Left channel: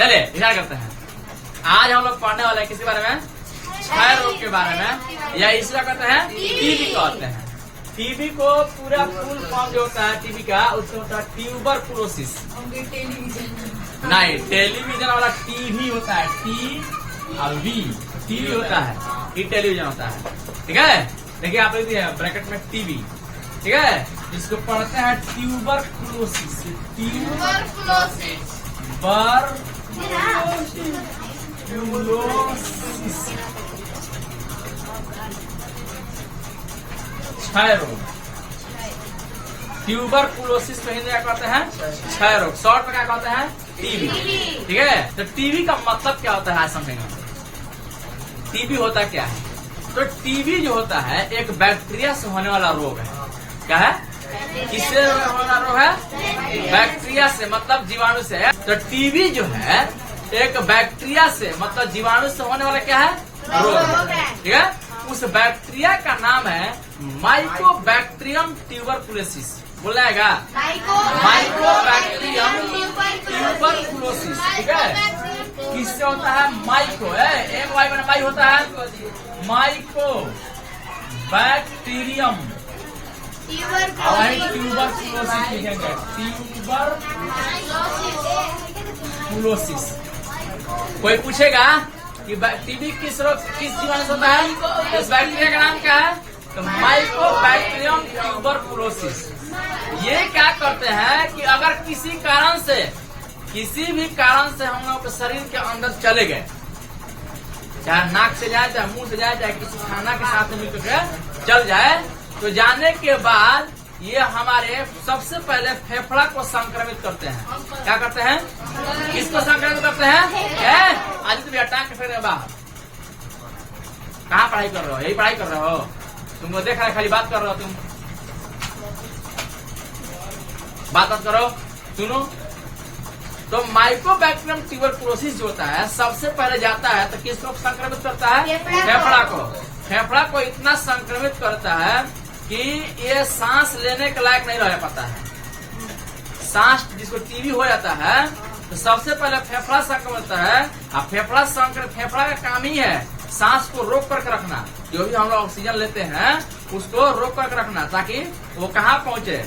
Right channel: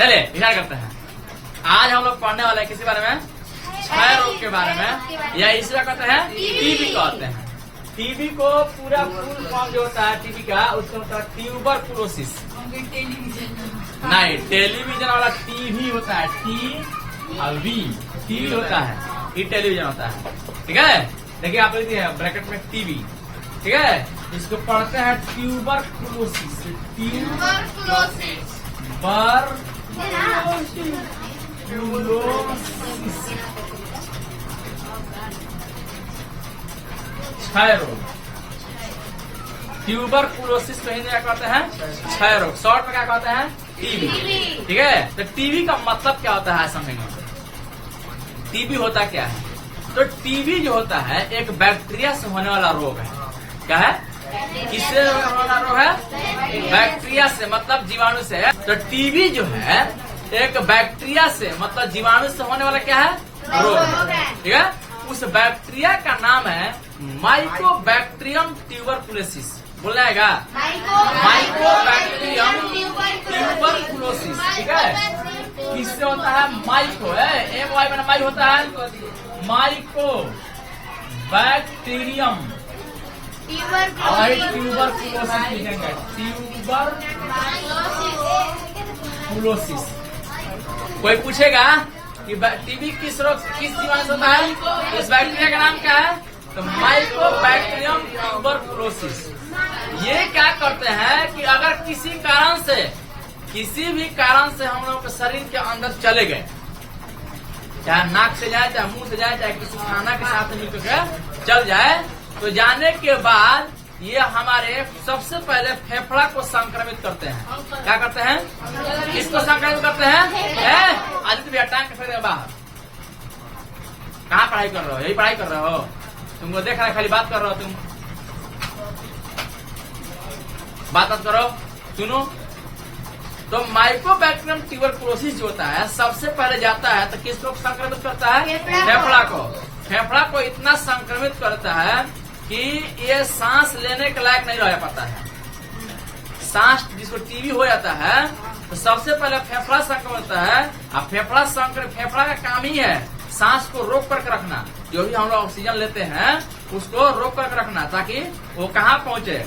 चलिए ध्यान करते हैं। आज हम लोग पढ़ने वाले हैं किसी बारे में, क्षय रोग के बारे में, या इसे क्या कहते हैं, टीबी कहते हैं। टीबी को पूरा फुल फॉर्म जो होता है टीबी का, उसको होता है ट्यूबरकुलोसिस। नहीं, टेलीविजन वाला टीवी होता है, टी और वी, टीवी होता है, ये टेलीविजन होता है। ठीक है, देखिए आप देखिए ब्रैकेट में टीवी, ठीक है, इसको पढ़ते हैं ट्यूबरकुलोसिस। क्षय रोग, ट्यूबरकुलोसिस को हिंदी क्या कहते हैं, क्षय रोग, शॉर्ट में क्या कहते हैं, टीबी। ठीक है, तो टीबी का मतलब क्या होता है समझेंगे। टीबी होता क्या है, तो टीबी जो होता है एक बैक्टीरिया से होने वाला रोग है। क्या है, किससे होने वाला रोग है, बैक्टीरिया से, मतलब जीवाणु से है। तो टीबी जो है एक बैक्टीरिया से, मतलब जीवाणु से होने वाला क्या है, रोग है। ठीक है, उस बैक्टीरिया का नाम है माइकोबैक्टीरियम ट्यूबरकुलोसिस। बोलेगा माइकोबैक्टीरियम ट्यूबरकुलोसिस। ठीक है, किससे होता है, माइको है, एम वाई बना माई होता है, माइकोबैक्टीरियम ट्यूबरकुलोसिस लिखेंगे, ट्यूबरकुलोसिस। कोई पूछेगा कि टीबी किस रोग, किस जीवाणु से होता है, इस बैक्टीरिया का नाम क्या है, तो माइकोबैक्टीरियम ट्यूबरकुलोसिस। ये क्या करते हैं कि अगर किसी भी कारण से हम लोग के शरीर के अंदर चले गए, चाहे नाक से जाए, चाहे मुंह से जाए, चाहे किसी खाना के साथ मिलकर चल जाए, तो जाने के बाद ये हमारे सबसे पहले फेफड़ा को संक्रमित करते हैं। क्या करते हैं, इसको संक्रमित करते हैं। आज तो टांग के फेंक बाहर, कहाँ पढ़ाई कर रहे हो, यही पढ़ाई कर रहे हो, तुमको देखा है खाली बात कर रहे हो, तुम बात करो, सुनो। तो माइकोबैक्टीरियम ट्यूबरकुलोसिस जो होता है सबसे पहले जाता है तो किसको संक्रमित करता है, फेफड़ा को। फेफड़ा को इतना संक्रमित करता है कि ये सांस लेने के लायक नहीं रह पाता है। सांस जिसको टीबी हो जाता है तो सबसे पहले फेफड़ा संक्रमित होता है। और फेफड़ा का काम ही है सांस को रोक करके रखना, जो भी हम लोग ऑक्सीजन लेते हैं उसको रोक करके रखना, ताकि वो कहाँ पहुंचे,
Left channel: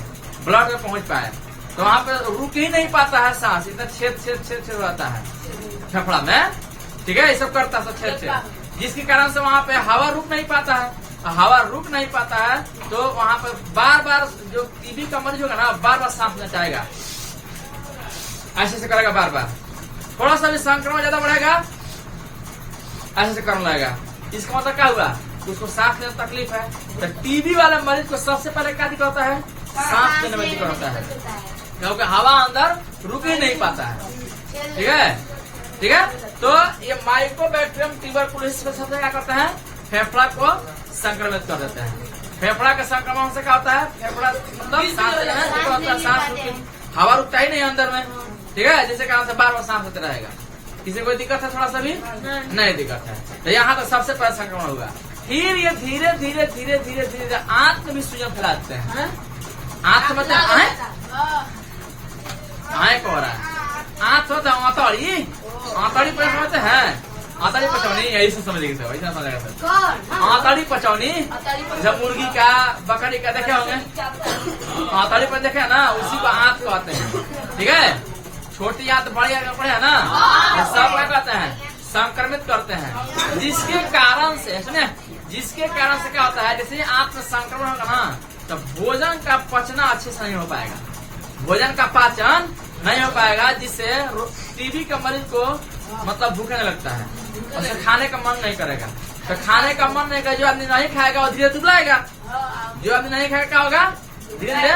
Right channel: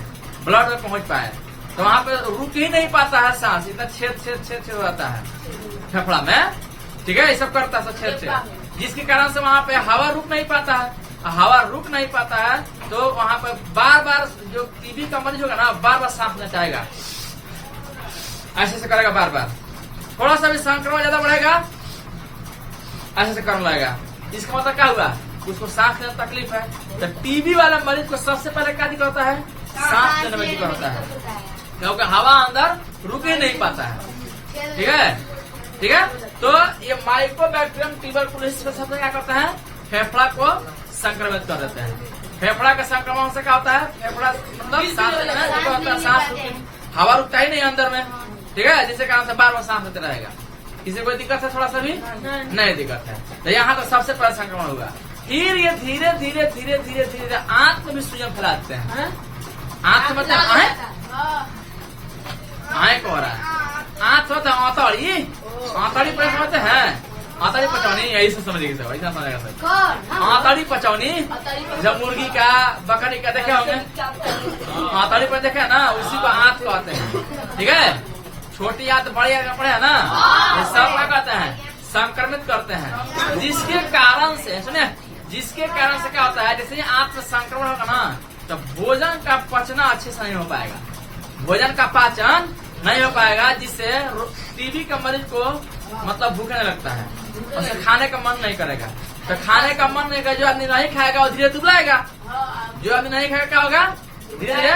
ब्लड में पहुंच पाए। तो वहाँ पे रुक ही नहीं पाता है सांस, इतना छेद हो जाता है फेफड़ा में। ठीक है, ये सब करता है छेद, जिसके कारण से वहाँ पे हवा रुक नहीं पाता है। हवा रुक नहीं पाता है तो वहाँ पे बार बार जो टीबी का मरीज होगा ना, बार बार सांस लेना चाहेगा, ऐसे से करेगा बार बार। थोड़ा सा भी संक्रमण ज्यादा बढ़ेगा, ऐसे से करने लगेगा। इसका मतलब क्या हुआ, उसको सांस लेने में तकलीफ है। तो टीबी वाले मरीज को सबसे पहले क्या दिक्कत होता है, सांस लेने में दिक्कत होता है, क्योंकि हवा अंदर रुक ही नहीं पाता है। ठीक है, ठीक है। तो ये माइकोबैक्टीरियम ट्यूबरकुलोसिस सबसे क्या करते हैं, फेफड़ा को संक्रमित कर देते हैं। फेफड़ा के संक्रमण से क्या होता है, फेफड़ा मतलब सांस हवा रुकता ही नहीं अंदर में। ठीक है, जिसके कारण से बार बार सांस लेते रहेगा। किसी कोई दिक्कत है, थोड़ा सा भी नहीं दिक्कत है। तो यहाँ तो सबसे पहले संक्रमण होगा। फिर ये धीरे धीरे धीरे धीरे धीरे आंख में भी सूजन फैलाते हैं। आंख मतलब आए को हो रहा है, आंख होता है आंतड़ी पचौनी है, आंतड़ी पचौनी यही से समझेगी, ऐसा समझेगा सर। आंतड़ी पचौनी जब मुर्गी का बकरी का देखे होंगे, आंतड़ी पर देखे ना, उसी को आंत कहते हैं। ठीक है, छोटी आंत बड़ी कपड़े है ना, ये सब क्या कहते हैं, संक्रमित करते हैं। जिसके कारण से क्या होता है, जैसे आंत में संक्रमण होगा ना, तो भोजन का पचना अच्छे से नहीं हो पाएगा, भोजन का पाचन नहीं हो पाएगा, जिससे टीबी का मरीज को मतलब भूखने लगता है, उसे खाने का मन नहीं करेगा। तो खाने का मन नहीं करेगा, जो आदमी नहीं खाएगा वो धीरे दुबलाएगा, जो आदमी नहीं खाएगा क्या होगा, धीरे धीरे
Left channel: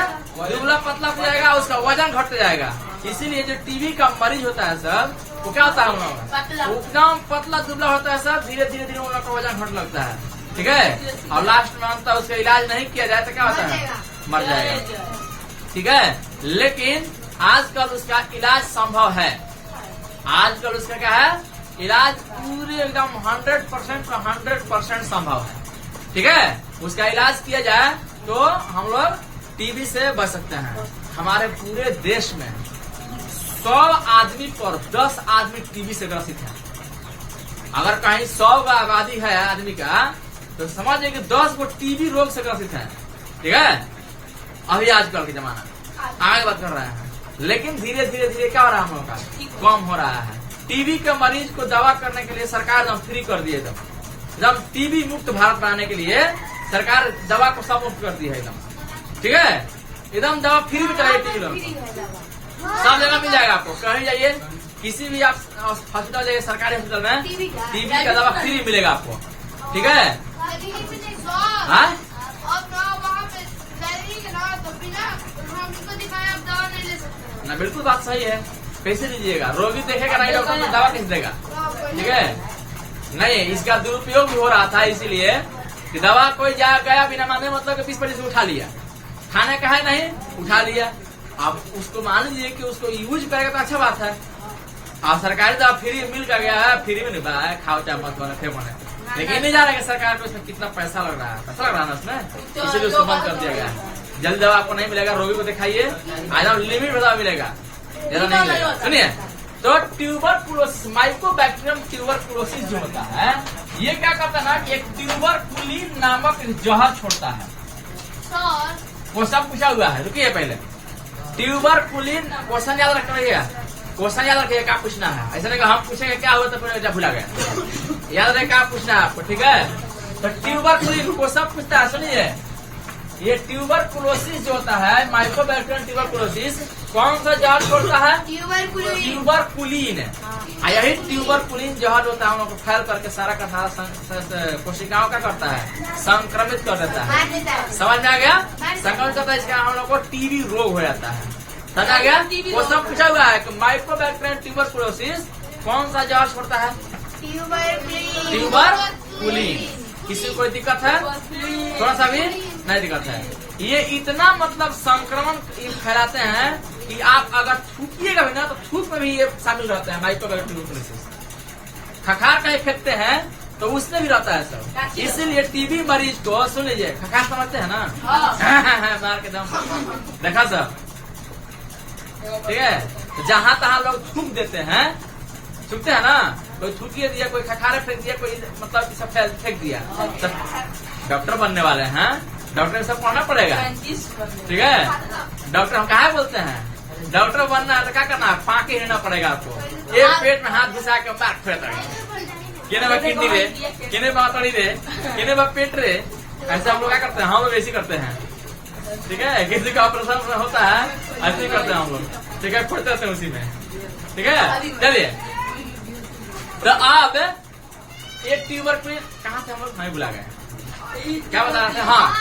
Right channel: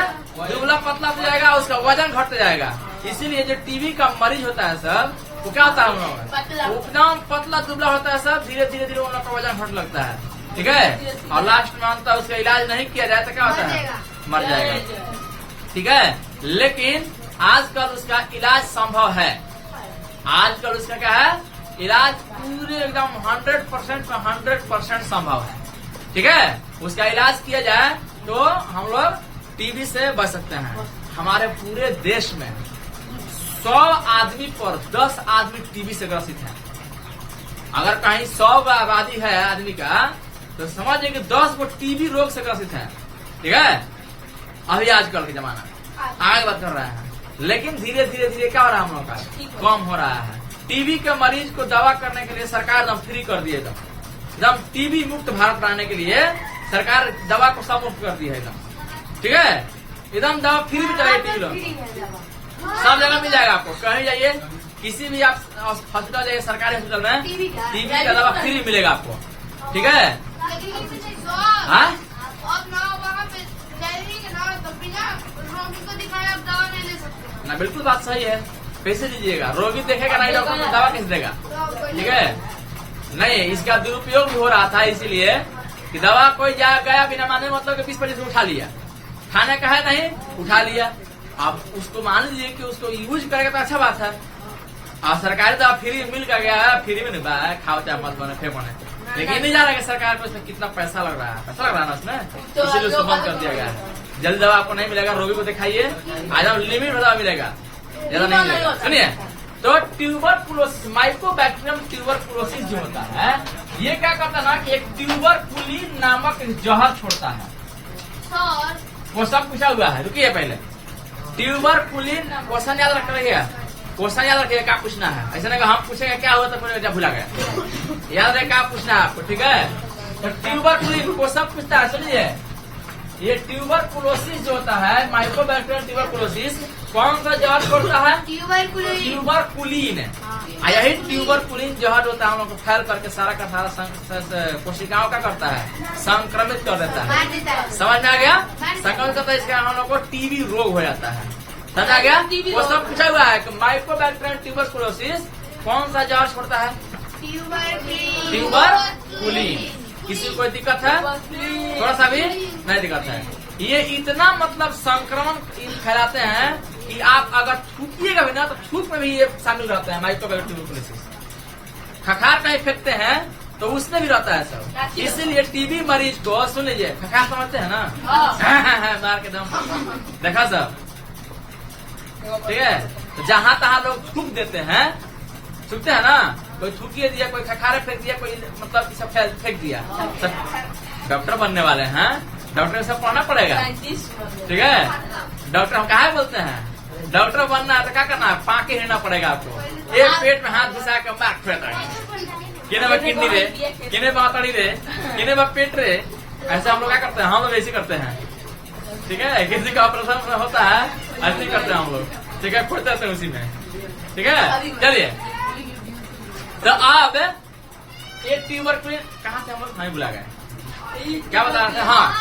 दुबला पतला हो जाएगा, उसका वजन घट जाएगा। इसीलिए जो टीबी का मरीज होता है सर, वो क्या होता है, हम लोग एकदम पतला दुबला होता है सर, धीरे धीरे धीरे उन लोग का वजन घट लगता है। ठीक है, और लास्ट में अंत उसका इलाज नहीं किया जाए तो क्या होता है, मर जाएगा। ठीक है, लेकिन आजकल उसका इलाज संभव है। आजकल उसका क्या है, इलाज पूरे एकदम 100% संभव है। ठीक है, उसका इलाज किया जाए तो हम लोग टीबी से बच सकते हैं। हमारे पूरे देश में 100 आदमी पर 10 आदमी टीबी से ग्रसित है। अगर कहीं 100 का आबादी है आदमी का, तो समझिए कि 10 को टीबी रोग से ग्रसित है। ठीक है, अभी आजकल के जमाना आगे बात कर रहे हैं, लेकिन धीरे धीरे धीरे क्या हो रहा है, हम लोगों का कम हो रहा है। टीबी के मरीज को दवा करने के लिए सरकार एकदम फ्री कर दिए, एकदम टीबी मुक्त भारत बनाने के लिए सरकार दवा को सब मुक्त कर दी है एकदम। ठीक है, एकदम दवा फ्री भी कराई टीबी लोग, सब जगह मिल जाएगा आपको। कहीं जाइए, किसी भी आप हॉस्पिटल जाइए, सरकारी हॉस्पिटल में टीबी का दवा फ्री मिलेगा आपको। ठीक है, हाँ ना, बिल्कुल बात सही है। कैसे दीजिएगा, रोगी देखेगा नहीं, डॉक्टर को दवा कैसे देगा। ठीक है, नहीं, इसका दुरुपयोग भी हो रहा था, इसलिए कि दवा कोई गया बिना माने मतलब 20-25 उठा लिया, खाने का है नहीं, उठा लिया। अब उसको मान लीजिए कि उसको यूज करेगा तो अच्छा बात है। अब सरकारी दवा फ्री मिल कर गया है, फ्री में नहीं पाया, खाओ चाहे मत बने फेंको नहीं, लेकिन नहीं जा रहा है सरकार को इसमें कितना पैसा लग रहा है, पैसा लग रहा है ना उसमें, इसीलिए उसको बंद कर दिया गया है। जल्द दवा आपको नहीं मिलेगा, रोगी को दिखाइए, आज लिमिट में दवा मिलेगा, ज्यादा नहीं मिलेगा। सुनिए, तो ट्यूबरकुलोसिस, माइकोबैक्टीरियम ट्यूबरकुलोसिस जो होता है, ये क्या करता है ना कि एक ट्यूबरकुलिन नामक जहर छोड़ता है। वो सब पूछा हुआ है, रुकिए पहले। ट्यूबरकुलिन क्वेश्चन याद रखना रहिएगा, क्वेश्चन याद रखिए, क्या पूछना है। ऐसा नहीं हम पूछेंगे क्या हुआ तो फिर भुला गया, याद रहे क्या पूछना है आपको। ठीक है, तो ट्यूबरकुलिन को सब पूछता है। सुनिए, ये ट्यूबरकुलोसिस जो होता है, माइकोबैक्टीरियम ट्यूबरकुलोसिस, कौन सा जहर छोड़ता है, ट्यूबरकुलिन। यही ट्यूबरकुलिन जहर होता है, हम लोग को फैल करके सारा का सारा कोशिकाओं का करता है, संक्रमित कर देता है। समझ में आ गया, संक्रमित करता है, इसका हम लोग को टीबी रोग हो जाता है। समझ आ गया, वो सब पूछा हुआ है कि माइकोबैक्टीरियम ट्यूबरकुलोसिस कौन सा जहर छोड़ता है, ट्यूबरकुलिन। किसी को कोई दिक्कत है, थोड़ा सा भी नहीं दिक्कत है। ये इतना मतलब संक्रमण फैलाते हैं कि आप अगर थूकिएगा भी ना, तो थूक में भी ये शामिल रहते हैं, माइकोबैक्टीरियम ट्यूबरकुलोसिस। खखार कहीं फेंकते हैं तो उसमें भी रहता है सब। इसीलिए टीबी मरीज को, सुन लीजिए, खखार समझते हैं ना, मार के दम देखा सब। ठीक है, तो जहाँ तहाँ लोग थूक देते हैं, थूकते हैं ना, कोई थूकिए दिया, कोई खखारे फेंक दिया, कोई मतलब सब फेंक दिया। सब डॉक्टर बनने वाले हैं, डॉक्टर सब पढ़ना पड़ेगा। ठीक है, डॉक्टर हम कहा बोलते हैं, डॉक्टर बनना है तो क्या करना है, पाके हिड़ना पड़ेगा आपको। एक पेट में हाथ घुसा के बात फेंक रहे, किने में किडनी रे, किने में आंतड़ी रे, किने में पेट रे, ऐसे हम लोग क्या करते हैं, हम लोग ऐसे करते हैं। ठीक है, किसी का ऑपरेशन होता है ऐसे ही करते हैं हम लोग। ठीक है, खुद हैं उसी में। ठीक है, चलिए, तो आप एक ट्यूबरकुलिन कहाँ से हम लोग नहीं बुला गए, क्या बता रहे थे, हाँ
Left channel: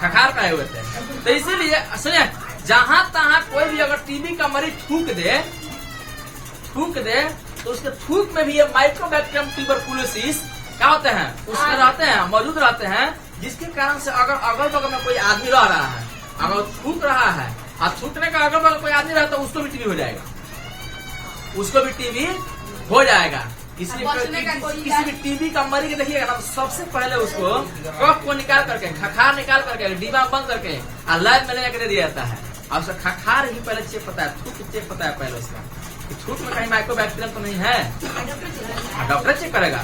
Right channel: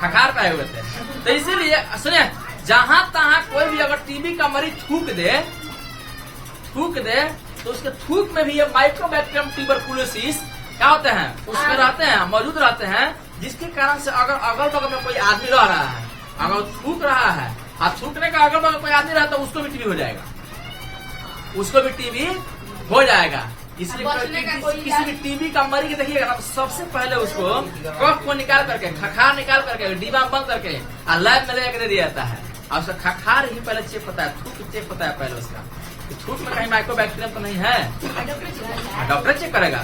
खखार पाए हुए थे। तो इसीलिए सुनिए, जहां तहां कोई भी अगर टीबी का मरीज थूक दे तो उसके थूक में भी ये माइकोबैक्टीरियम ट्यूबरकुलोसिस क्या होते हैं, उसमें रहते हैं, मौजूद रहते हैं, जिसके कारण से अगर अगल बगल में कोई आदमी रह रहा है, अगर थूक रहा है और थूकने का अगल बगल कोई आदमी रहा तो उसको भी टीबी हो जाएगा, उसको भी टीबी हो जाएगा। इसलिए किसी भी टीबी का मरीज देखिएगा ना, सबसे पहले उसको कफ को निकाल करके, खखार निकाल करके, डिब्बा बंद करके और लैब में लेकर दे दिया जाता है। और उसका खखार ही पहले चेक पता है, थूक चेक पता है पहले उसका, थूक में कहीं माइकोबैक्टीरियम तो नहीं है, डॉक्टर चेक करेगा,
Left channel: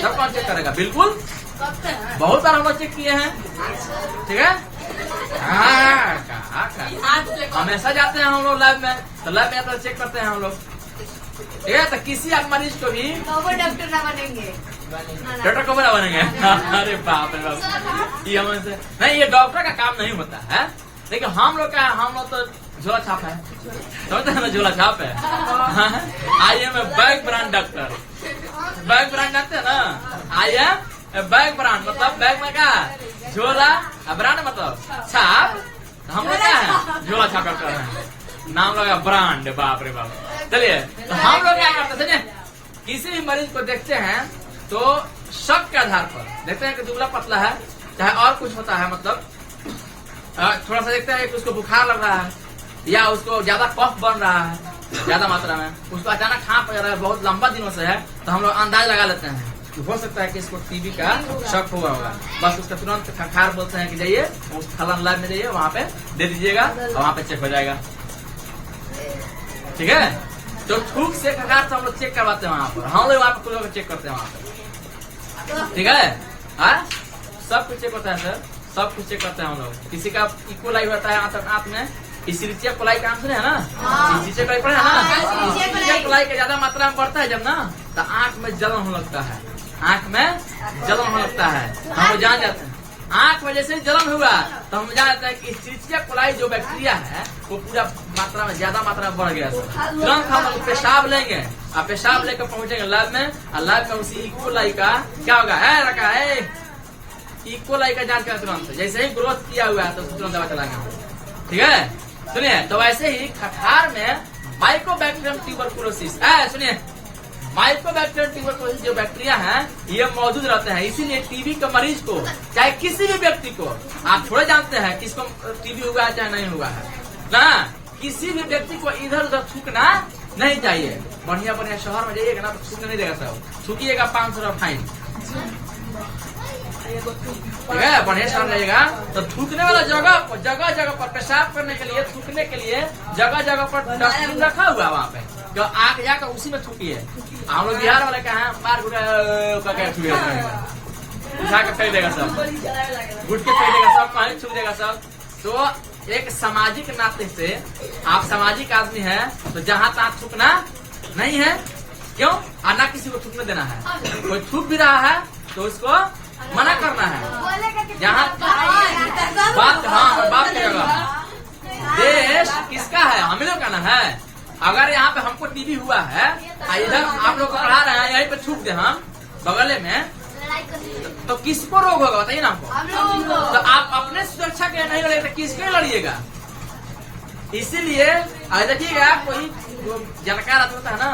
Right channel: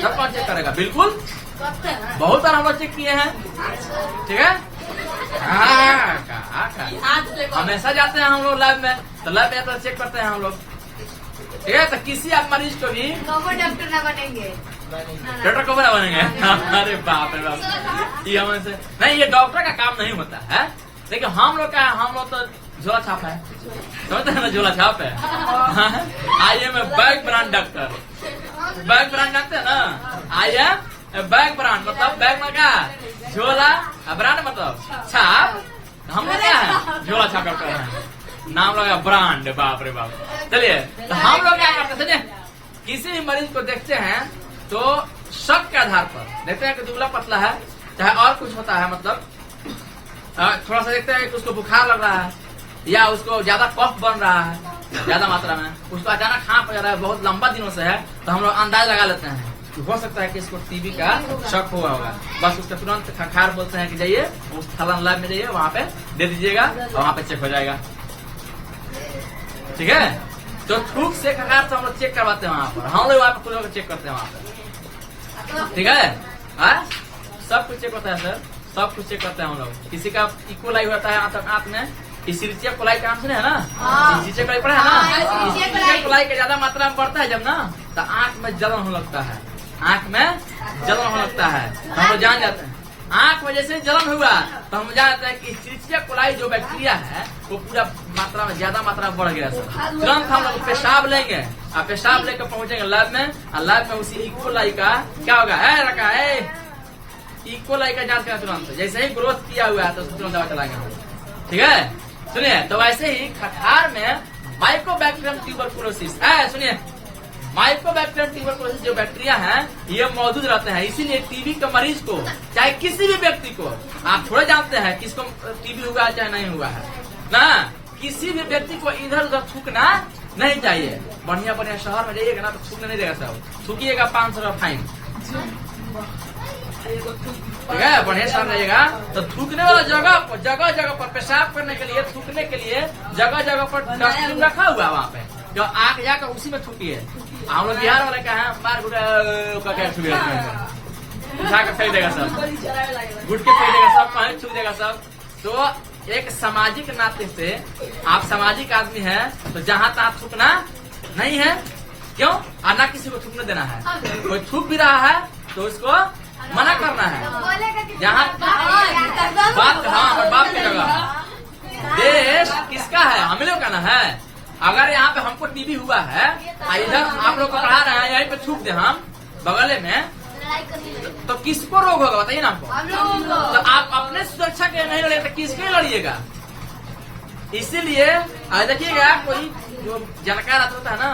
सब कौन चेक करेगा, बिल्कुल बहुत सारा हम लोग चेक किए हैं। ठीक है, हमेशा जाते हैं हम लोग लैब में, तो लैब में तो चेक करते हैं हम लोग। ठीक है, तो किसी आप मरीज को भी डॉक्टर ना बनेंगे, डॉक्टर को बना बनेंगे। अरे बाप रे बाप, ये हमसे नहीं, ये डॉक्टर का काम नहीं होता है। लेकिन हम लोग का, हम लोग तो झोला छाप है, समझते हैं ना, झोला छाप है। I am a bag brand doctor, bag brand doctor ना, आई एम बैग ब्रांड मतलब बैग में क्या, झोला, ब्रांड मतलब छाप, हम लोग क्या है, झोला छाप डॉक्टर है, नाम लगा ब्रांड, बाप रे बाप। चलिए, तो हम लोग क्या करते थे, किसी भी मरीज को देखते हैं तो शक के आधार पर देखते हैं कि दुबला पतला है, चाहे और कुछ होता है, मतलब थोड़ा सा देखते हैं कि उसको बुखार लग रहा है, या उसको ज्यादा कफ बन रहा है ज्यादा मात्रा में, उसको अचानक खांस आ रहा है, बहुत लंबा दिनों से है, तो हम लोग अंदाज लगा लेते हैं कि हो सकता है कि इसको टीबी का शक हुआ होगा। बस उसका तुरंत खखार बोलते हैं कि जाइए उस फलाना लैब में जाइए, वहाँ पे दे दीजिएगा और वहाँ पे चेक हो जाएगा। ठीक है। तो थूक से खकार से हम लोग चेक करवाते हैं वहाँ पर, हम लोग वहाँ पर खुद लोग चेक करते हैं वहाँ पर, ठीक है। सब कुछ चेक होता है सर, सब कुछ चेक करते हैं हम लोग। किसी का इक्वलाई होता है आंत में, इसीरिचिया कोलाई का नाम सुने है ना, इसीरिचिया कोलाई पढ़ा है ना, इसीरिचिया कोलाई का ज्यादा मात्रा में बढ़ता है जब ना, तो आंख में जलन होने लगता है, आंख में जलन होने लगता है। हम लोग जान जाते हैं आंख में जैसे जलन हुआ तो हम जान जाते हैं कि इसीरिचिया कोलाई जो बैक्टीरिया है वो पूरा मात्रा में ज्यादा मात्रा में बढ़ गया सर। तुरंत हम लोग पेशाब लेंगे और पेशाब लेकर पहुंचेंगे लैब में, और लैब में उसी इकोलाई का क्या होगा है रखा है, इकोलाई का जांच करें तुरंत, जैसे ही ग्रोथ किया हुआ है तो तुरंत दवा चलाएंगे हम, ठीक है। सुनिए, तो वैसे ही खखार में माइकोबैक्टीरियम ट्यूबरकुलोसिस, सुनिए माइकोबैक्टीरियम ट्यूबरकुलोसिस जो बैक्टीरिया है ये मौजूद रहते हैं। इसीलिए टीबी के मरीज को, चाहे किसी भी व्यक्ति को, आप थोड़े जानते हैं किसको टीबी हुआ है चाहे नहीं हुआ है ना, किसी भी व्यक्ति को इधर उधर थूकना नहीं चाहिए। बढ़िया बढ़िया शहर में जाइएगा ना तो थूकने नहीं देगा सब, थूकिएगा 500 रुपया फाइन, ठीक है। बढ़िया शहर जाइएगा तो थूकने वाला जगह जगह पर पेशाब करने के लिए, थूकने के लिए जगह जगह पर डस्टबिन रखा हुआ है, वहाँ पे जो आके जाकर उसी में थूकिए। हम लोग बिहार वाले का है मार उठा कर फेंक देगा सब, गुट के फेंक देगा सब, कहीं थूक देगा सब। तो एक सामाजिक नाते से आप सामाजिक आदमी है तो जहाँ तहाँ थूकना नहीं है, क्यों, और ना किसी को थूकने देना है। कोई थूक भी रहा है तो उसको मना करना है। जहाँ बात करेगा देश किसका है, हम लोग का ना है। अगर यहाँ पे हमको टीबी हुआ है, इधर आप लोग को पढ़ा रहे हैं, यहीं पे थूक दे हम बगले में, तो किसको रोग होगा बताइए ना हमको। तो आप अपने सुरक्षा के नहीं लड़ेगा तो किसके लड़िएगा। इसीलिए देखिएगा कोई जानकार आदमी होता है ना,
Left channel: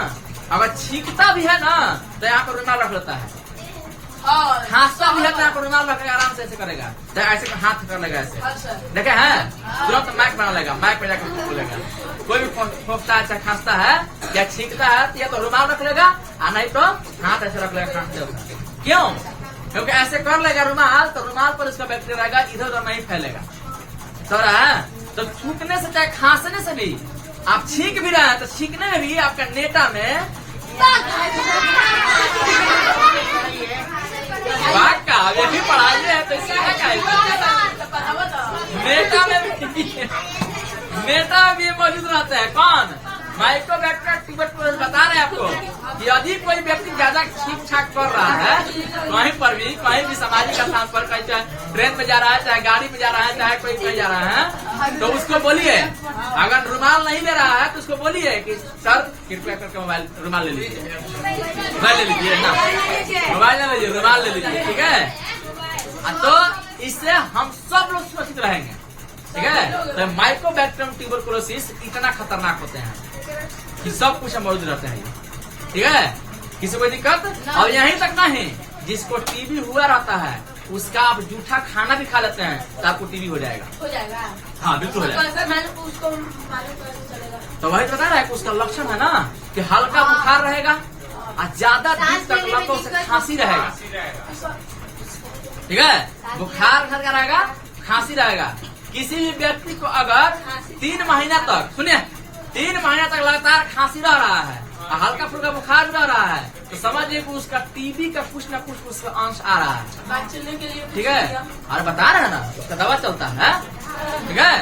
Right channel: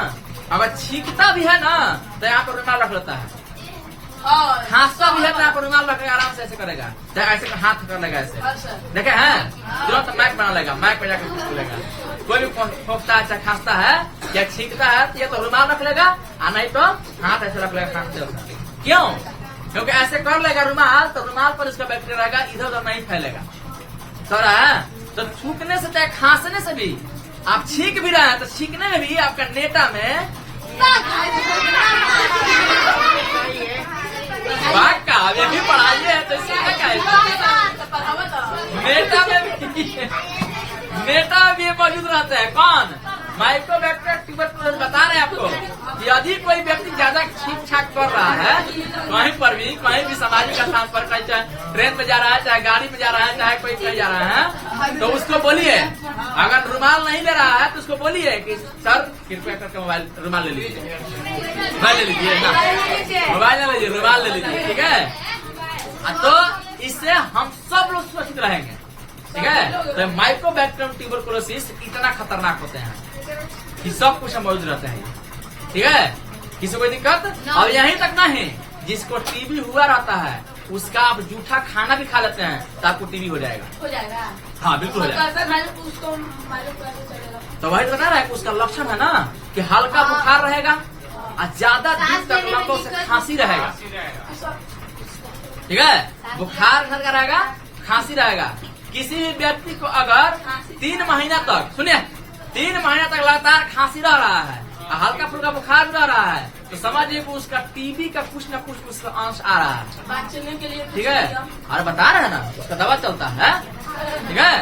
अगर छींकता भी है ना तो यहाँ पर रुमाल रख लेता है, खांसता भी है तो यहाँ पर रुमाल रखेगा, आराम से ऐसे करेगा, ऐसे हाथ कर लेगा ऐसे, देखे हैं तुरंत माइक बना लेगा, माइक पे जाकर बोलेगा। कोई भी खोखता है, खांसता है या छींकता है तो या तो रुमाल रख लेगा, और नहीं तो हाथ ऐसे रख लेगा खांसते होगा। क्यों, क्योंकि ऐसे कर लेगा रुमाल तो रुमाल पर उसका बैक्टीरिया रहेगा, इधर उधर नहीं फैलेगा। तो थूकने से चाहे खांसने से भी, आप छींक भी रहे हैं तो छींकने में भी आपका नेटा में ये भी पढ़ाइए है तो नेटा में भी मौजूद रहते हैं। कौन, माइकोबैक्टीरियम ट्यूबरकुलोसिस बता रहे हैं आपको कि यदि कोई व्यक्ति ज्यादा ठीक ठाक कर रहा है कहीं पर भी, कहीं भी सामाजिक स्थान पर, कहीं चाहे ट्रेन में जा रहा है, चाहे गाड़ी में जा रहा है, चाहे कोई कहीं जा रहा है, तो उसको बोलिए, अगर रुमाल नहीं ले रहा है तो उसको बोलिए कि सर कृपया करके मोबाइल रुमाल ले लीजिए, मोबाइल ले लीजिए ना, मोबाइल ले लीजिए, रुमाल ले लीजिए, ठीक है। तो इससे हम सब लोग सुरक्षित रहेंगे, ठीक है। तो माइकोबैक्टीरियम ट्यूबरकुलोसिस इतना खतरनाक होते हैं कि सब कुछ मौजूद रहते हैं, ठीक है। किसी कोई दिक्कत। और यहीं तक नहीं, जिसको टीबी हुआ रहता है उसका आप जूठा खाना भी खा लेते हैं तो आपको टीबी हो जाएगा, हाँ बिल्कुल हो जाएगा। तो वही बता रहा है कि उसका लक्षण है ना कि हल्का बुखार रहेगा और ज्यादा दिन तक लतों से खांसी रहेगा, ठीक है। बुखार हल्का रहेगा, खांसी रहेगा। किसी भी व्यक्ति को अगर 3 महीना तक, सुनिए 3 महीना तक लगातार खांसी रह रहा है, हल्का फुल्का बुखार रह रहा है, तो समझिए कि उसका टीबी का कुछ न कुछ उसका अंश आ रहा है, ठीक है। और बता रहे हैं ना उसका दवा चलता है, ठीक है,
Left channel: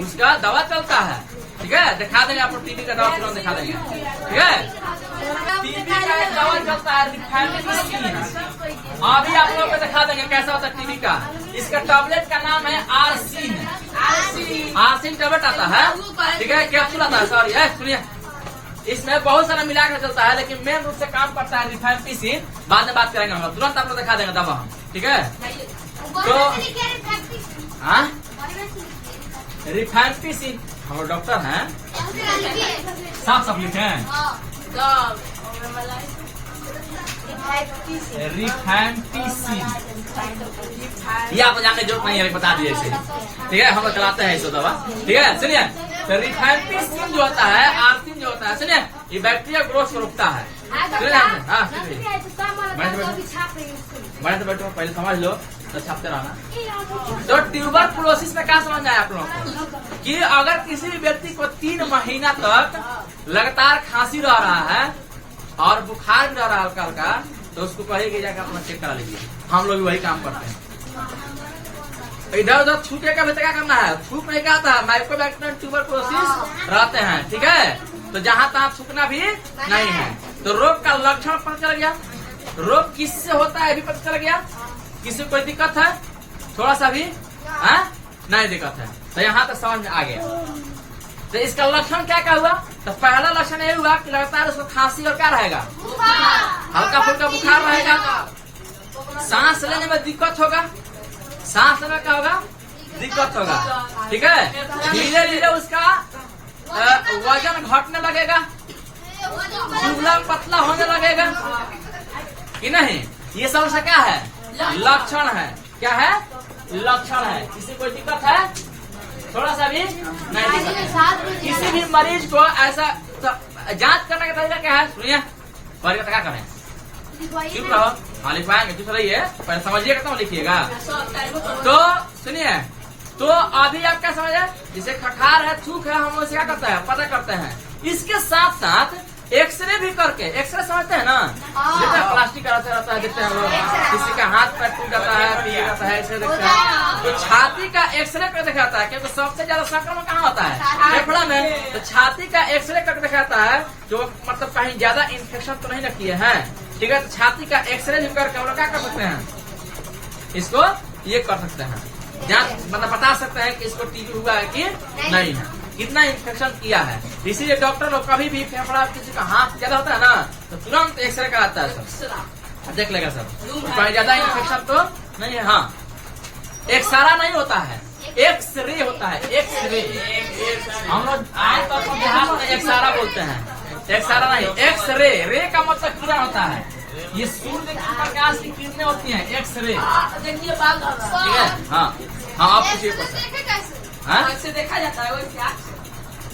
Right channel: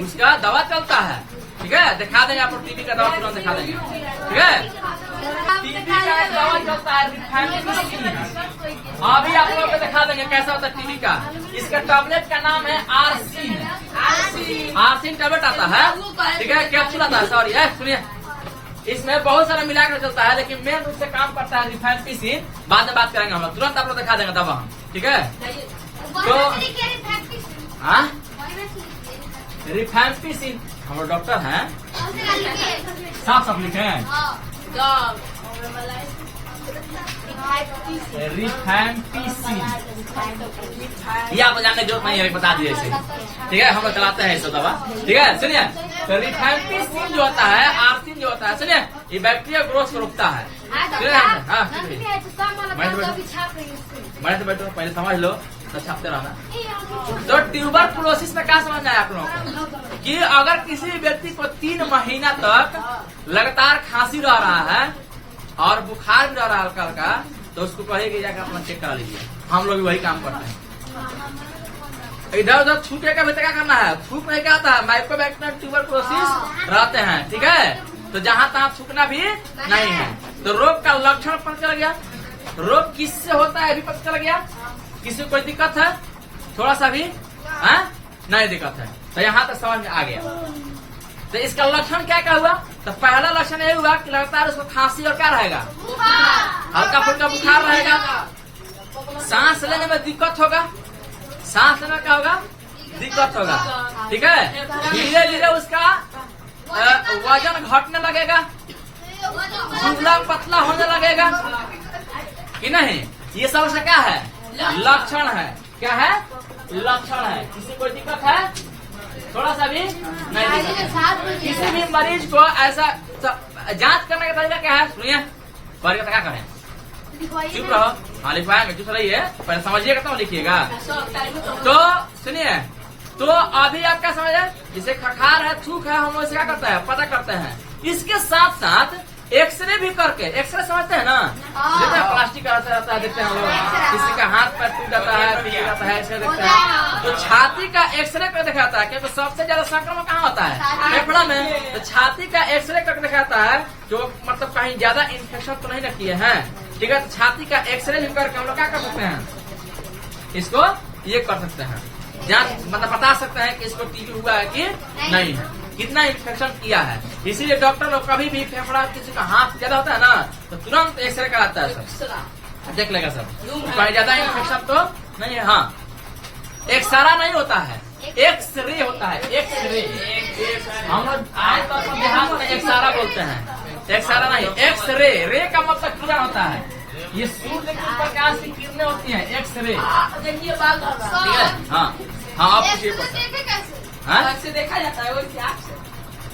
उसका दवा चलता है, ठीक है। दिखा देंगे आपको टीबी का दवा तुरंत दिखा देंगे, ठीक है। टीबी का एक दवा चलता है रिफैम्पिसिन, अभी आप लोगों को दिखा देंगे कैसा होता है टीबी का। इसका टैबलेट का नाम है आरसिन, आरसिन टैबलेट आता है, ठीक है, कैप्सूल आता है, सॉरी सुनिए, इसमें बहुत सारा मिलाकर चलता है, लेकिन मेन रूप से काम करता है रिफैम्पिसिन। बाद में बात करेंगे हम लोग, तुरंत आप लोग दिखा देंगे दवा, ठीक है। तो हाँ रिफैम्पिसिन, हम लोग डॉक्टर हैं, साफ साफ लिखे हैं रिफैम्पिसिन, ये आपको जानने की जरूरत नहीं है, बता दिए थे, ठीक है। हम लोग चलाते हैं इस दवा, ठीक है। सुनिए, तो रिफैम्पिसिन जो होता है, आर्सिन जो होता है, सुनिए ये बैक्टीरिया ग्रोथ को रोकता है। मैंने तो बैठो पहले समझ लो तो छापते रहना। तो ट्यूबरकुलोसिस में क्या समझ आया आप लोगों को कि अगर किसी व्यक्ति को 3 महीना तक लगातार खांसी रह रहा है और बुखार भी रह रहा है हल्का हल्का, तो उसको कहेगी जाकर अपना चेक करा लीजिए। हम लोग वही काम करते हैं। इधर उधर थूके का भी क्या करना है, थूक नहीं कहता है, माइकोबैक्टीरियम ट्यूबरकुलोसिस रहते हैं, ठीक है। तो जहाँ तहाँ थूकना भी नहीं है। तो रोग का लक्षण पता चल गया, रोग किससे होता है भी पता चल गया। किसी को कोई दिक्कत है थोड़ा सा भी नहीं दिक्कत है, तो यहाँ तक समझ में आ गया। तो इसका लक्षण क्या क्या हुआ, तो पहला लक्षण ये हुआ कि लगातार उसको खांसी और क्या रहेगा, हल्का फुल्का बुखार रहेगा, सांस लेने में दिक्कत होगा, सांस लेने का होगा दिक्कत होगा, ठीक है। धीरे धीरे उसका वजन घटने लगेगा, दुबला पतला होने लगेगा कि नहीं। ये सब से क्या है, लक्षण है। क्या है, लक्षण है। किसी कोई दिक्कत है थोड़ा सा भी नहीं दिक्कत। किसी भी मरीज को ऐसा जांच करने का तरीका क्या है, सुनिए क्या करें, चुप रहो, हाँ लिखवाएंगे, चुप रहिए, पहले समझिएगा तो लिखिएगा। तो सुनिए, तो अभी आप क्या समझे, जिसे खखार है, थूक है, हम उसे क्या करते हैं, पता करते हैं। इसके साथ साथ एक्सरे भी करके, एक्सरे समझते हैं ना, जैसे प्लास्टिक का रहता है, देखते हैं लोग, किसी का हाथ पैर टूट जाता है, पीट जाता है, एक्सरे देखते हैं। तो छाती का एक्सरे कर दिखाता है, क्योंकि सबसे ज्यादा संक्रमण कहाँ होता है, फेफड़ा में। तो छाती का एक्सरे कर दिखाता है, जो मतलब कहीं ज्यादा इन्फेक्शन तो नहीं रखी है, ठीक है। तो छाती का एक्सरे भी करके हम लोग क्या कर सकते हैं, इसको ये कर सकते हैं, जांच मतलब बता सकते हैं कि इसको टीबी हुआ है कि नहीं है, कितना इन्फेक्शन किया है। इसीलिए डॉक्टर लोग कभी भी फेफड़ा किसी का हाथ ज्यादा होता है ना, तो तुरंत एक्सरे कराता है सर, देख लेगा सर कहीं ज्यादा इन्फेक्शन तो नहीं है। हाँ, एक्सरा नहीं होता है, एक्सरे होता है, एक्सरे। हम लोग आमतौर पर देहात में एक्सरा बोलते हैं, एक्सरा नहीं, एक्सरे। रे का मतलब कीड़ा होता है, ये सूर्य की प्रकाश की किरणें होती हैं, एक्सरे, ठीक है। हाँ हाँ, आप किसी से देखा जाता है,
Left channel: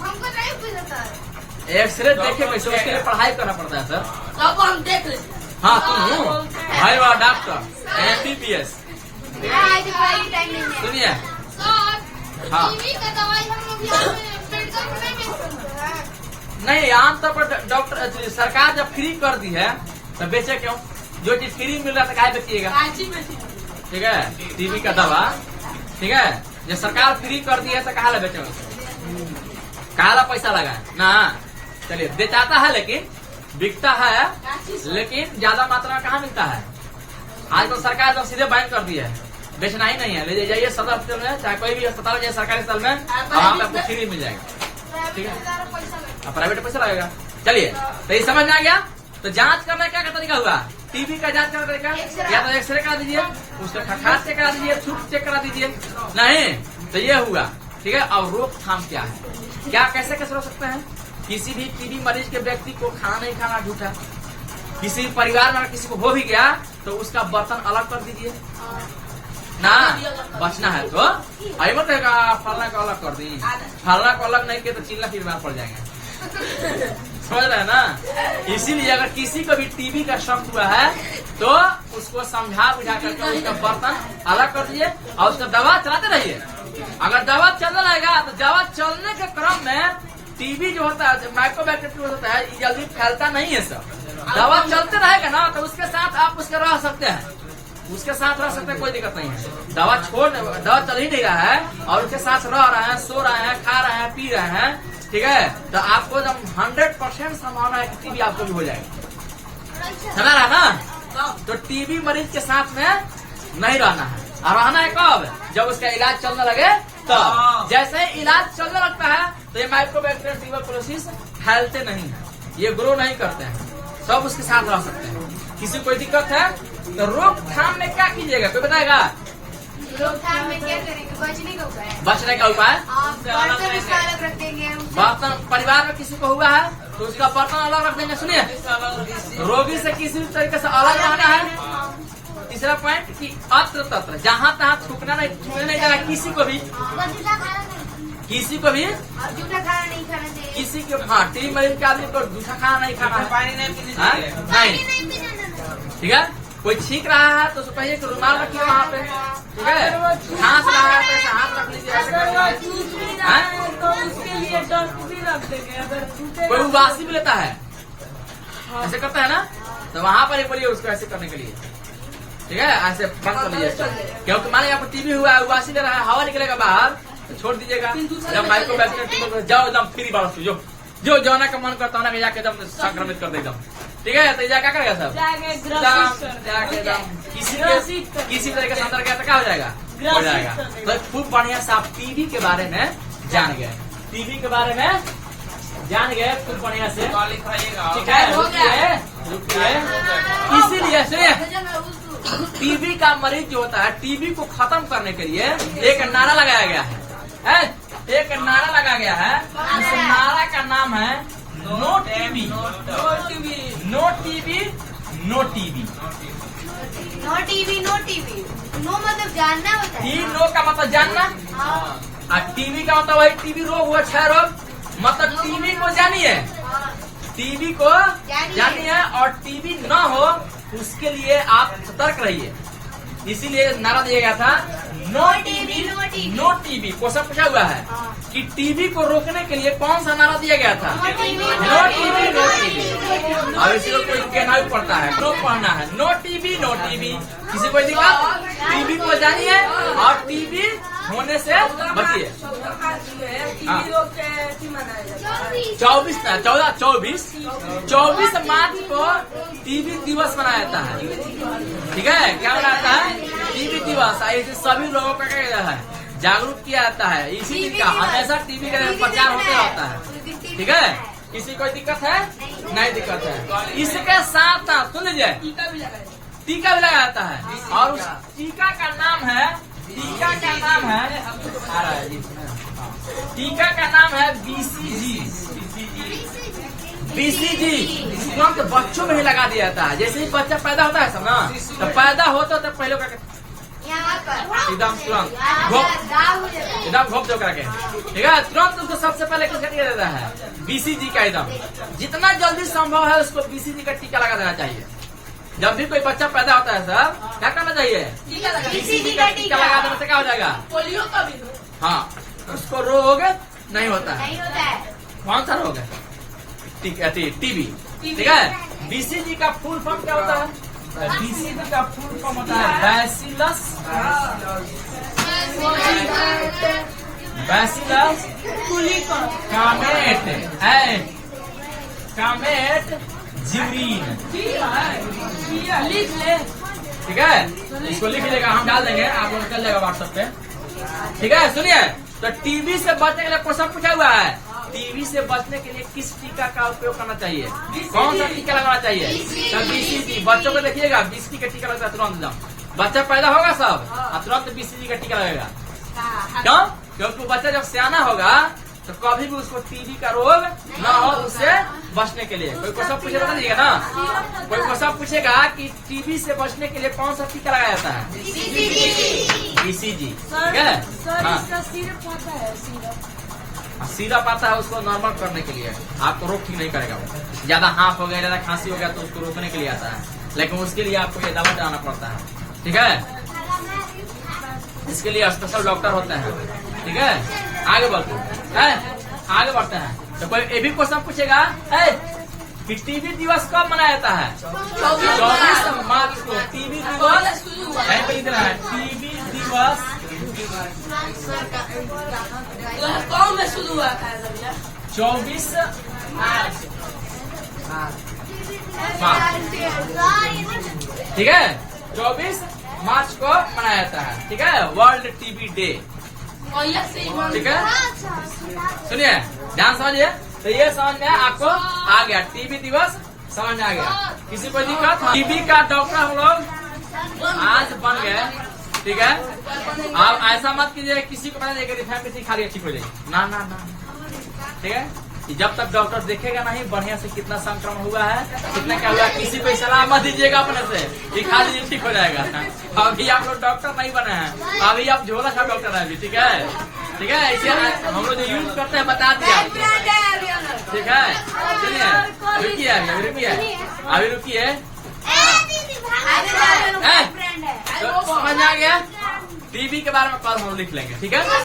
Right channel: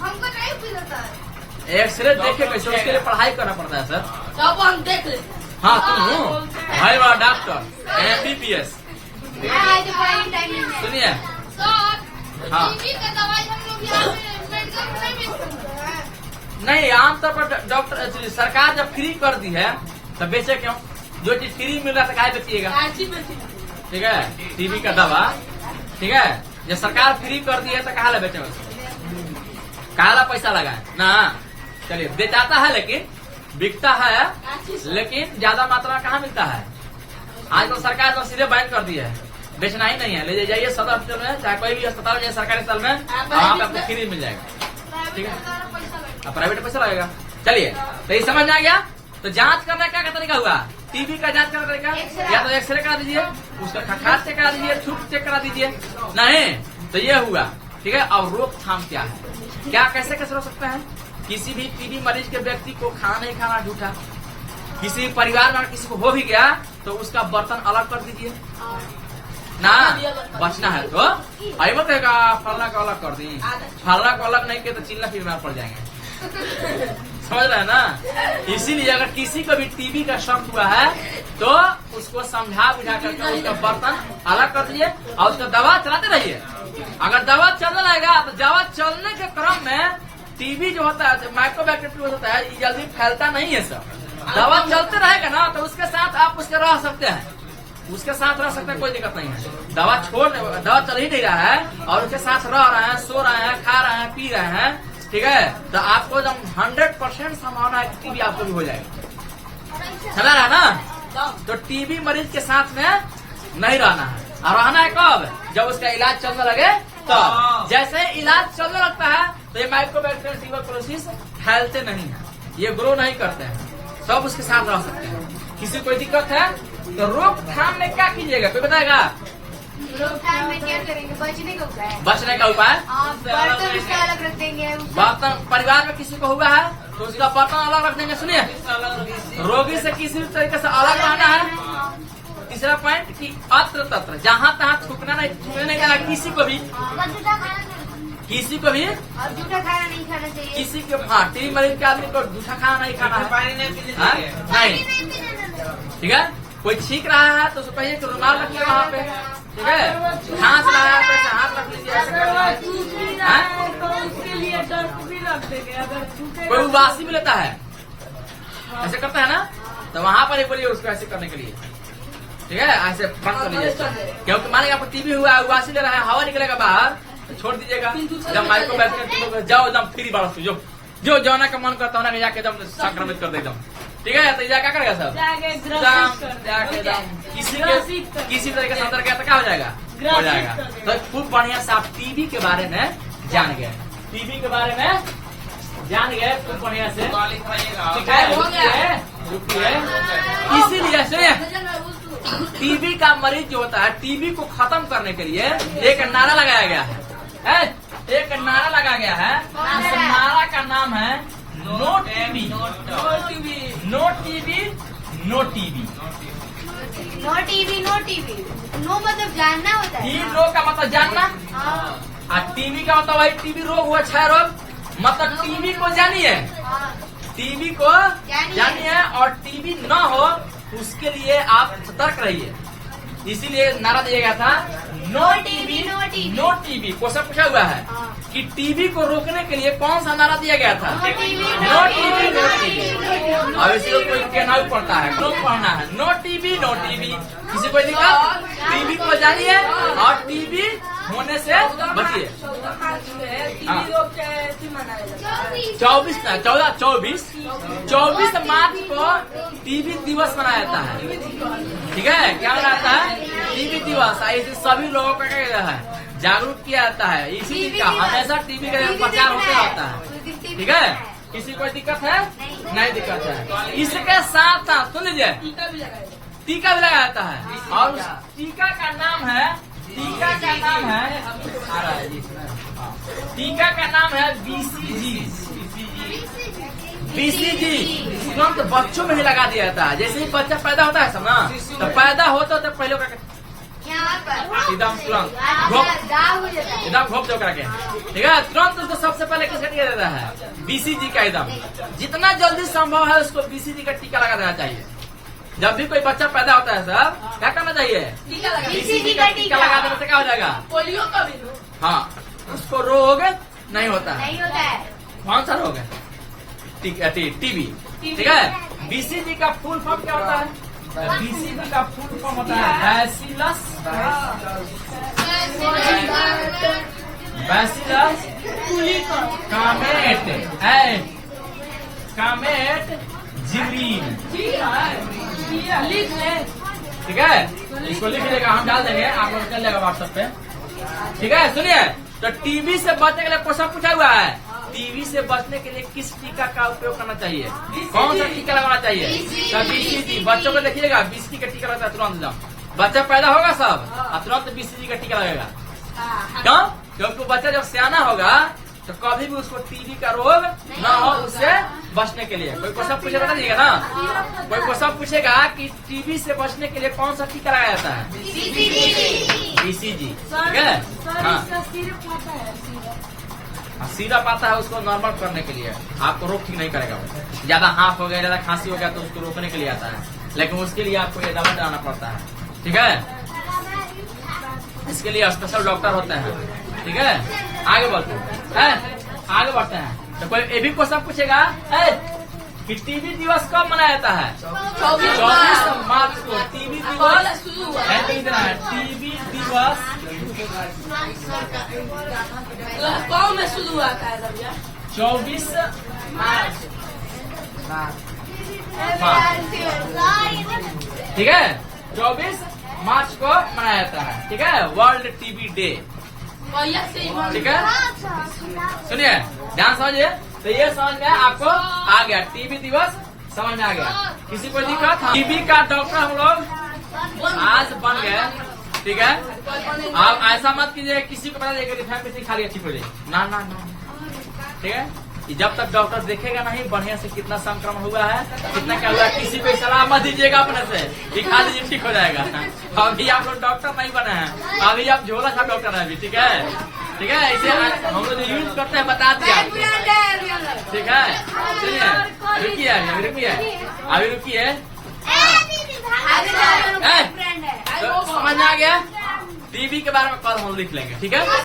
हमको नहीं पता है। एक्सरे देखे कैसे, उसके लिए पढ़ाई करना पड़ता है सर, तब हम देख ले। हाँ तुम भाई वाला डॉक्टर MBBS। सुनिए, हाँ नहीं, आमतौर पर डॉक्टर सरकार जब फ्री कर दी है तो बेचे क्यों, जो चीज फ्री मिल रहा है तो काहे बेचिएगा, ठीक है। टीबी का दवा, ठीक है, जब सरकार फ्री कर दी है तो कहा बेचे, कहा पैसा लगाए ना। चलिए, बेचाता है लेकिन बिकता है, लेकिन ज्यादा मात्रा में कहाँ मिलता है। आज तो सरकार तो सीधे बैन कर दी है, बेचना ही नहीं है, ले जाइए सदर अस्पताल में, चाहे कोई भी अस्पताल जाए सरकारी अस्पताल में, वहाँ पे आपको फ्री मिल जाएगा, ठीक है। प्राइवेट पैसा लगेगा। चलिए, तो ये समझ में आ गया। तो जांच करने का तरीका हुआ, टीबी का जांच करने का तरीका, या तो एक्सरे करा दीजिए, उसका खखार चेक करा दीजिए, थूक चेक करा दीजिए, नहीं तो ये हुआ, ठीक है। और रोकथाम क्या है, क्या कैसे कैसे रोक सकते हैं। किसी भी टीबी मरीज के व्यक्ति को खाना नहीं खाना झूठा, किसी भी परिवार में किसी को हो भी गया तो उसका बर्तन अलग कर दीजिए ना, बचना है तो आई मत फलना को अलग कर दी, फलना को अलग नहीं किया तो चिल्ला फिरना पड़ जाएंगे, समझ रहे हैं ना। इसीलिए अगर किसी को भी टीबी का शक हुआ है तो उसको समझा बुझा करके उसका बर्तन अलग कर दिए और उसका दवा चलाते रहिए। अगर दवा चलने लगेगा तो दवा चलने के क्रम में टीबी जो होता है, माइकोबैक्टीरियम होता है, ये जल्दी फैलता नहीं है सर। दवा चलते रहेगा ना तो उसके साथ आप उसके रह सकते हैं, उसके साथ रह सकते हैं, कोई दिक्कत नहीं है। दवा दवा चल ही नहीं रहा है और उसके साथ रह रहे हैं, सो रहे हैं, खा रहे हैं, पी रहे हैं, ठीक है। तो आपको एकदम 100% संभावना है कि टीबी आपको भी हो जाएगा, समझ रहा ना। तो टीबी मरीज के साथ में नहीं रहना है, और रहना है कब, जब उसका इलाज चलने लगे। तो जैसे इलाज चलने लगता है तो ये माइकोबैक्टीरियम ट्यूबरकुलोसिस फैलते नहीं है, ये ग्रो नहीं करते हैं, सब उसके साथ रह सकते हैं। किसी कोई दिक्कत है तो रोकथाम में क्या कीजिएगा, कोई बताएगा। रोकथाम में क्या करेंगे, बचने का उपाय, बर्तन उसका अलग रख देंगे। बर्तन परिवार में किसी को हुआ है तो उसका बर्तन अलग रख देंगे। सुनिए, रोगी से किसी भी तरीके से अलग रहना है। तीसरा पॉइंट कि अत्र तत्र जहाँ तहाँ थूकना नहीं जाना, किसी को भी जूठा खाना नहीं खाना चाहिए, किसी को। हाँ, टीबी मरीज के आदमी को जूठा खाना नहीं खाना है, पानी नहीं पीना चाहिए, नहीं, ठीक है। कोई छींक रहा है तो उसको कहिए कि रुमाल रखिए वहाँ पे, ठीक है। खांस रहा है तो ऐसे हाथ रख लीजिए, ऐसे अगर वो कर चूस भी लीजिए। रहा हाँ? है तो उसके लिए डस्ट भी रख देंगे, अगर छूटेगा कोई उबासी भी लेता है, ऐसे करता है ना, तो वहाँ पर ही बोलिए उसको ऐसे करने के लिए, ठीक है। ऐसे बंद कर लीजिए, क्योंकि मानिए आपको टीबी हुआ है, उबासी ले रहा है, हवा निकलेगा बाहर, तो छोड़ दीजिएगा। जब माइक्रो बैक्टीरिया जाओ एकदम फ्री बात जो जो जाना का मन करता है ना, जाके एकदम संक्रमित कर दे एकदम, ठीक है। तो क्या करेगा सब जाके ग्रसित कर जाके देंगे। एकदम ग्रसित कर किसी तरीके से अंदर गया तो क्या हो जाएगा, हो ग्रसित जाएगा। कर देगा। तो खूब बढ़िया से आप टीबी के बारे में जान गए, टीबी के बारे में जान गए खूब बढ़िया से, ठीक है। रुकिए, इसीलिए सुनिए, टीबी का मरीज जो होता है, टीबी को खत्म करने के लिए एक नारा लगाया गया है, एक नारा लगाया गया है। इस नारा का नाम है no TB, no TB, no TB. No TV no TV, no मतलब जानना होता है। नो का मतलब जानना, हाँ, और टीबी का मतलब वही टीबी रोग हुआ, क्षय रोग, मतलब टीबी को जानिए, हाँ। टीबी को जानिए, और टीबी न हो उसके लिए आप सतर्क रहिए। इसीलिए नारा दिया गया था no TB, no TB. Question पूछा हुआ है कि टीबी को रोकने के लिए कौन सा नारा दिया गया था, नो टीबी, नो टीबी। अब इसी को कोई कहना भी पड़ता है, क्यों पढ़ना है, नो टीबी, नो टीबी। किसी को लिखा टीबी को जानिए और टीबी होने से बचिए। हाँ। 24 मार्च को टीबी दिवस मनाया जाता है, ठीक है। क्या मनाता है, टीबी दिवस। ऐसे सभी लोगों का क्या है, जागरूक किया जाता है। इसी दिन का हमेशा टीबी का प्रचार होते रहता है, ठीक है। किसी कोई दिक्कत है, नहीं दिक्कत है। इसके साथ साथ सुन लीजिए, टीका भी लगाया जाता है, और उस टीका का नाम है, टीका का नाम है, आ रहा है जी इसमें, हाँ। टीका का नाम है बीसीजी, बीसीजी। तुरंत बच्चों में ही लगा दिया जाता है। जैसे ही बच्चा पैदा होता है सब ना, तो पैदा होता तो पहले यहाँ पर एकदम तुरंत दाग हो जाता है। एकदम घोप करके, ठीक है। तुरंत उसको सबसे पहले किसका टीका देता है, बीसीजी का। एकदम जितना जल्दी संभव है उसको बीसीजी का टीका लगा देना चाहिए। जब भी कोई बच्चा पैदा होता है सब क्या करना चाहिए, बीसीजी का टीका लगा देने से क्या हो जाएगा, पोलियो का भी हाँ, उसको रोग नहीं होता है। नहीं होता है। कौन सा रोग है, टीबी, ठीक है। बीसीजी का फुल फॉर्म क्या होता है, बीसीजी का फुल फॉर्म होता है बैसिलस कामेट जिब्रीन, लिख ले। ठीक है। इसको लिख लीजिएगा, हम डाल देंगे, आप लोग चल जाएगा व्हाट्सएप पे, ठीक है। सुनिए, तो टीबी से बचने के लिए क्वेश्चन पूछा हुआ है, टीबी से बचने के लिए किस टीका का उपयोग करना चाहिए, कौन सा टीका लगाना चाहिए, तो बीसीजी। बच्चों को देखिएगा, बीसीजी का टीका लगता है तुरंत। बच्चा पैदा होगा सब और तुरंत बीसीजी का टीका लगेगा, क्यों, क्योंकि बच्चा जब सियाना होगा तो कभी भी उसको टीबी का रोग न हो, उससे बचने के लिए। कोई क्वेश्चन पूछे बता दीजिएगा ना, कोई क्वेश्चन पूछेगा कि टीबी से बचने के लिए कौन सा टीका लगाया जाता है, बीसीजी, ठीक है। सर हाँ, इसका सिरप आता है, सिरप सिरप आता है उसको नॉर्मल करने के लिए, आपको रोग ठीक नहीं करेगा। वो ज्यादा हाफ हो गया, ज्यादा खांसी हो गया तो उसको रोकने के लिए आता है, लेकिन उसके लिए आपको ये दवा लगाना पड़ता है, ठीक है। इसके लिए स्पेशल डॉक्टर होता है, ठीक है। आगे बढ़ते हैं, आगे बढ़ते हैं। तो कोई ये भी क्वेश्चन पूछेगा कि टीबी दिवस कब मनाया जाता है, 24 मार्च को टीबी दिवस, टीबी दिवस कौन में शुरू हुआ था भैया, 24 ठीक है, 24 मार्च को मनाया जाता है, ठीक है। वर्ल्ड टीबी डे, ठीक है। सुनिए, ध्यान समझिए, तो ये समझ में आपको आ गया, टीबी दिवस समझ में आ गया। किसी को दिक्कत, टीबी का डॉक्टर हम लोग आज बन गए, ठीक है। आप ऐसा मत कीजिए किसी को पता देगा फैमिली खा लिया ठीक हो जाएगी, ना ना ना, ठीक है। जब तक डॉक्टर देखेगा नहीं बढ़िया से कितना संक्रमण हुआ है, कितना क्या हुआ है, किसी को सलाह मत दीजिएगा अपने से, दिखा दीजिए ठीक हो जाएगा। अभी आप लोग डॉक्टर नहीं बने हैं, अभी आप झोला सा डॉक्टर है अभी, ठीक है, ठीक है। इसे हम लोग जो यूज करते हैं बता दिया आपको, ठीक है। सुनिए, रुकिए अभी रुकिए, अभी रुकिए। आगे जाके हैं? फ्रेंड है। तो समझ में आ गया? टीवी के बारे में कल हम लिख लेंगे, ठीक है।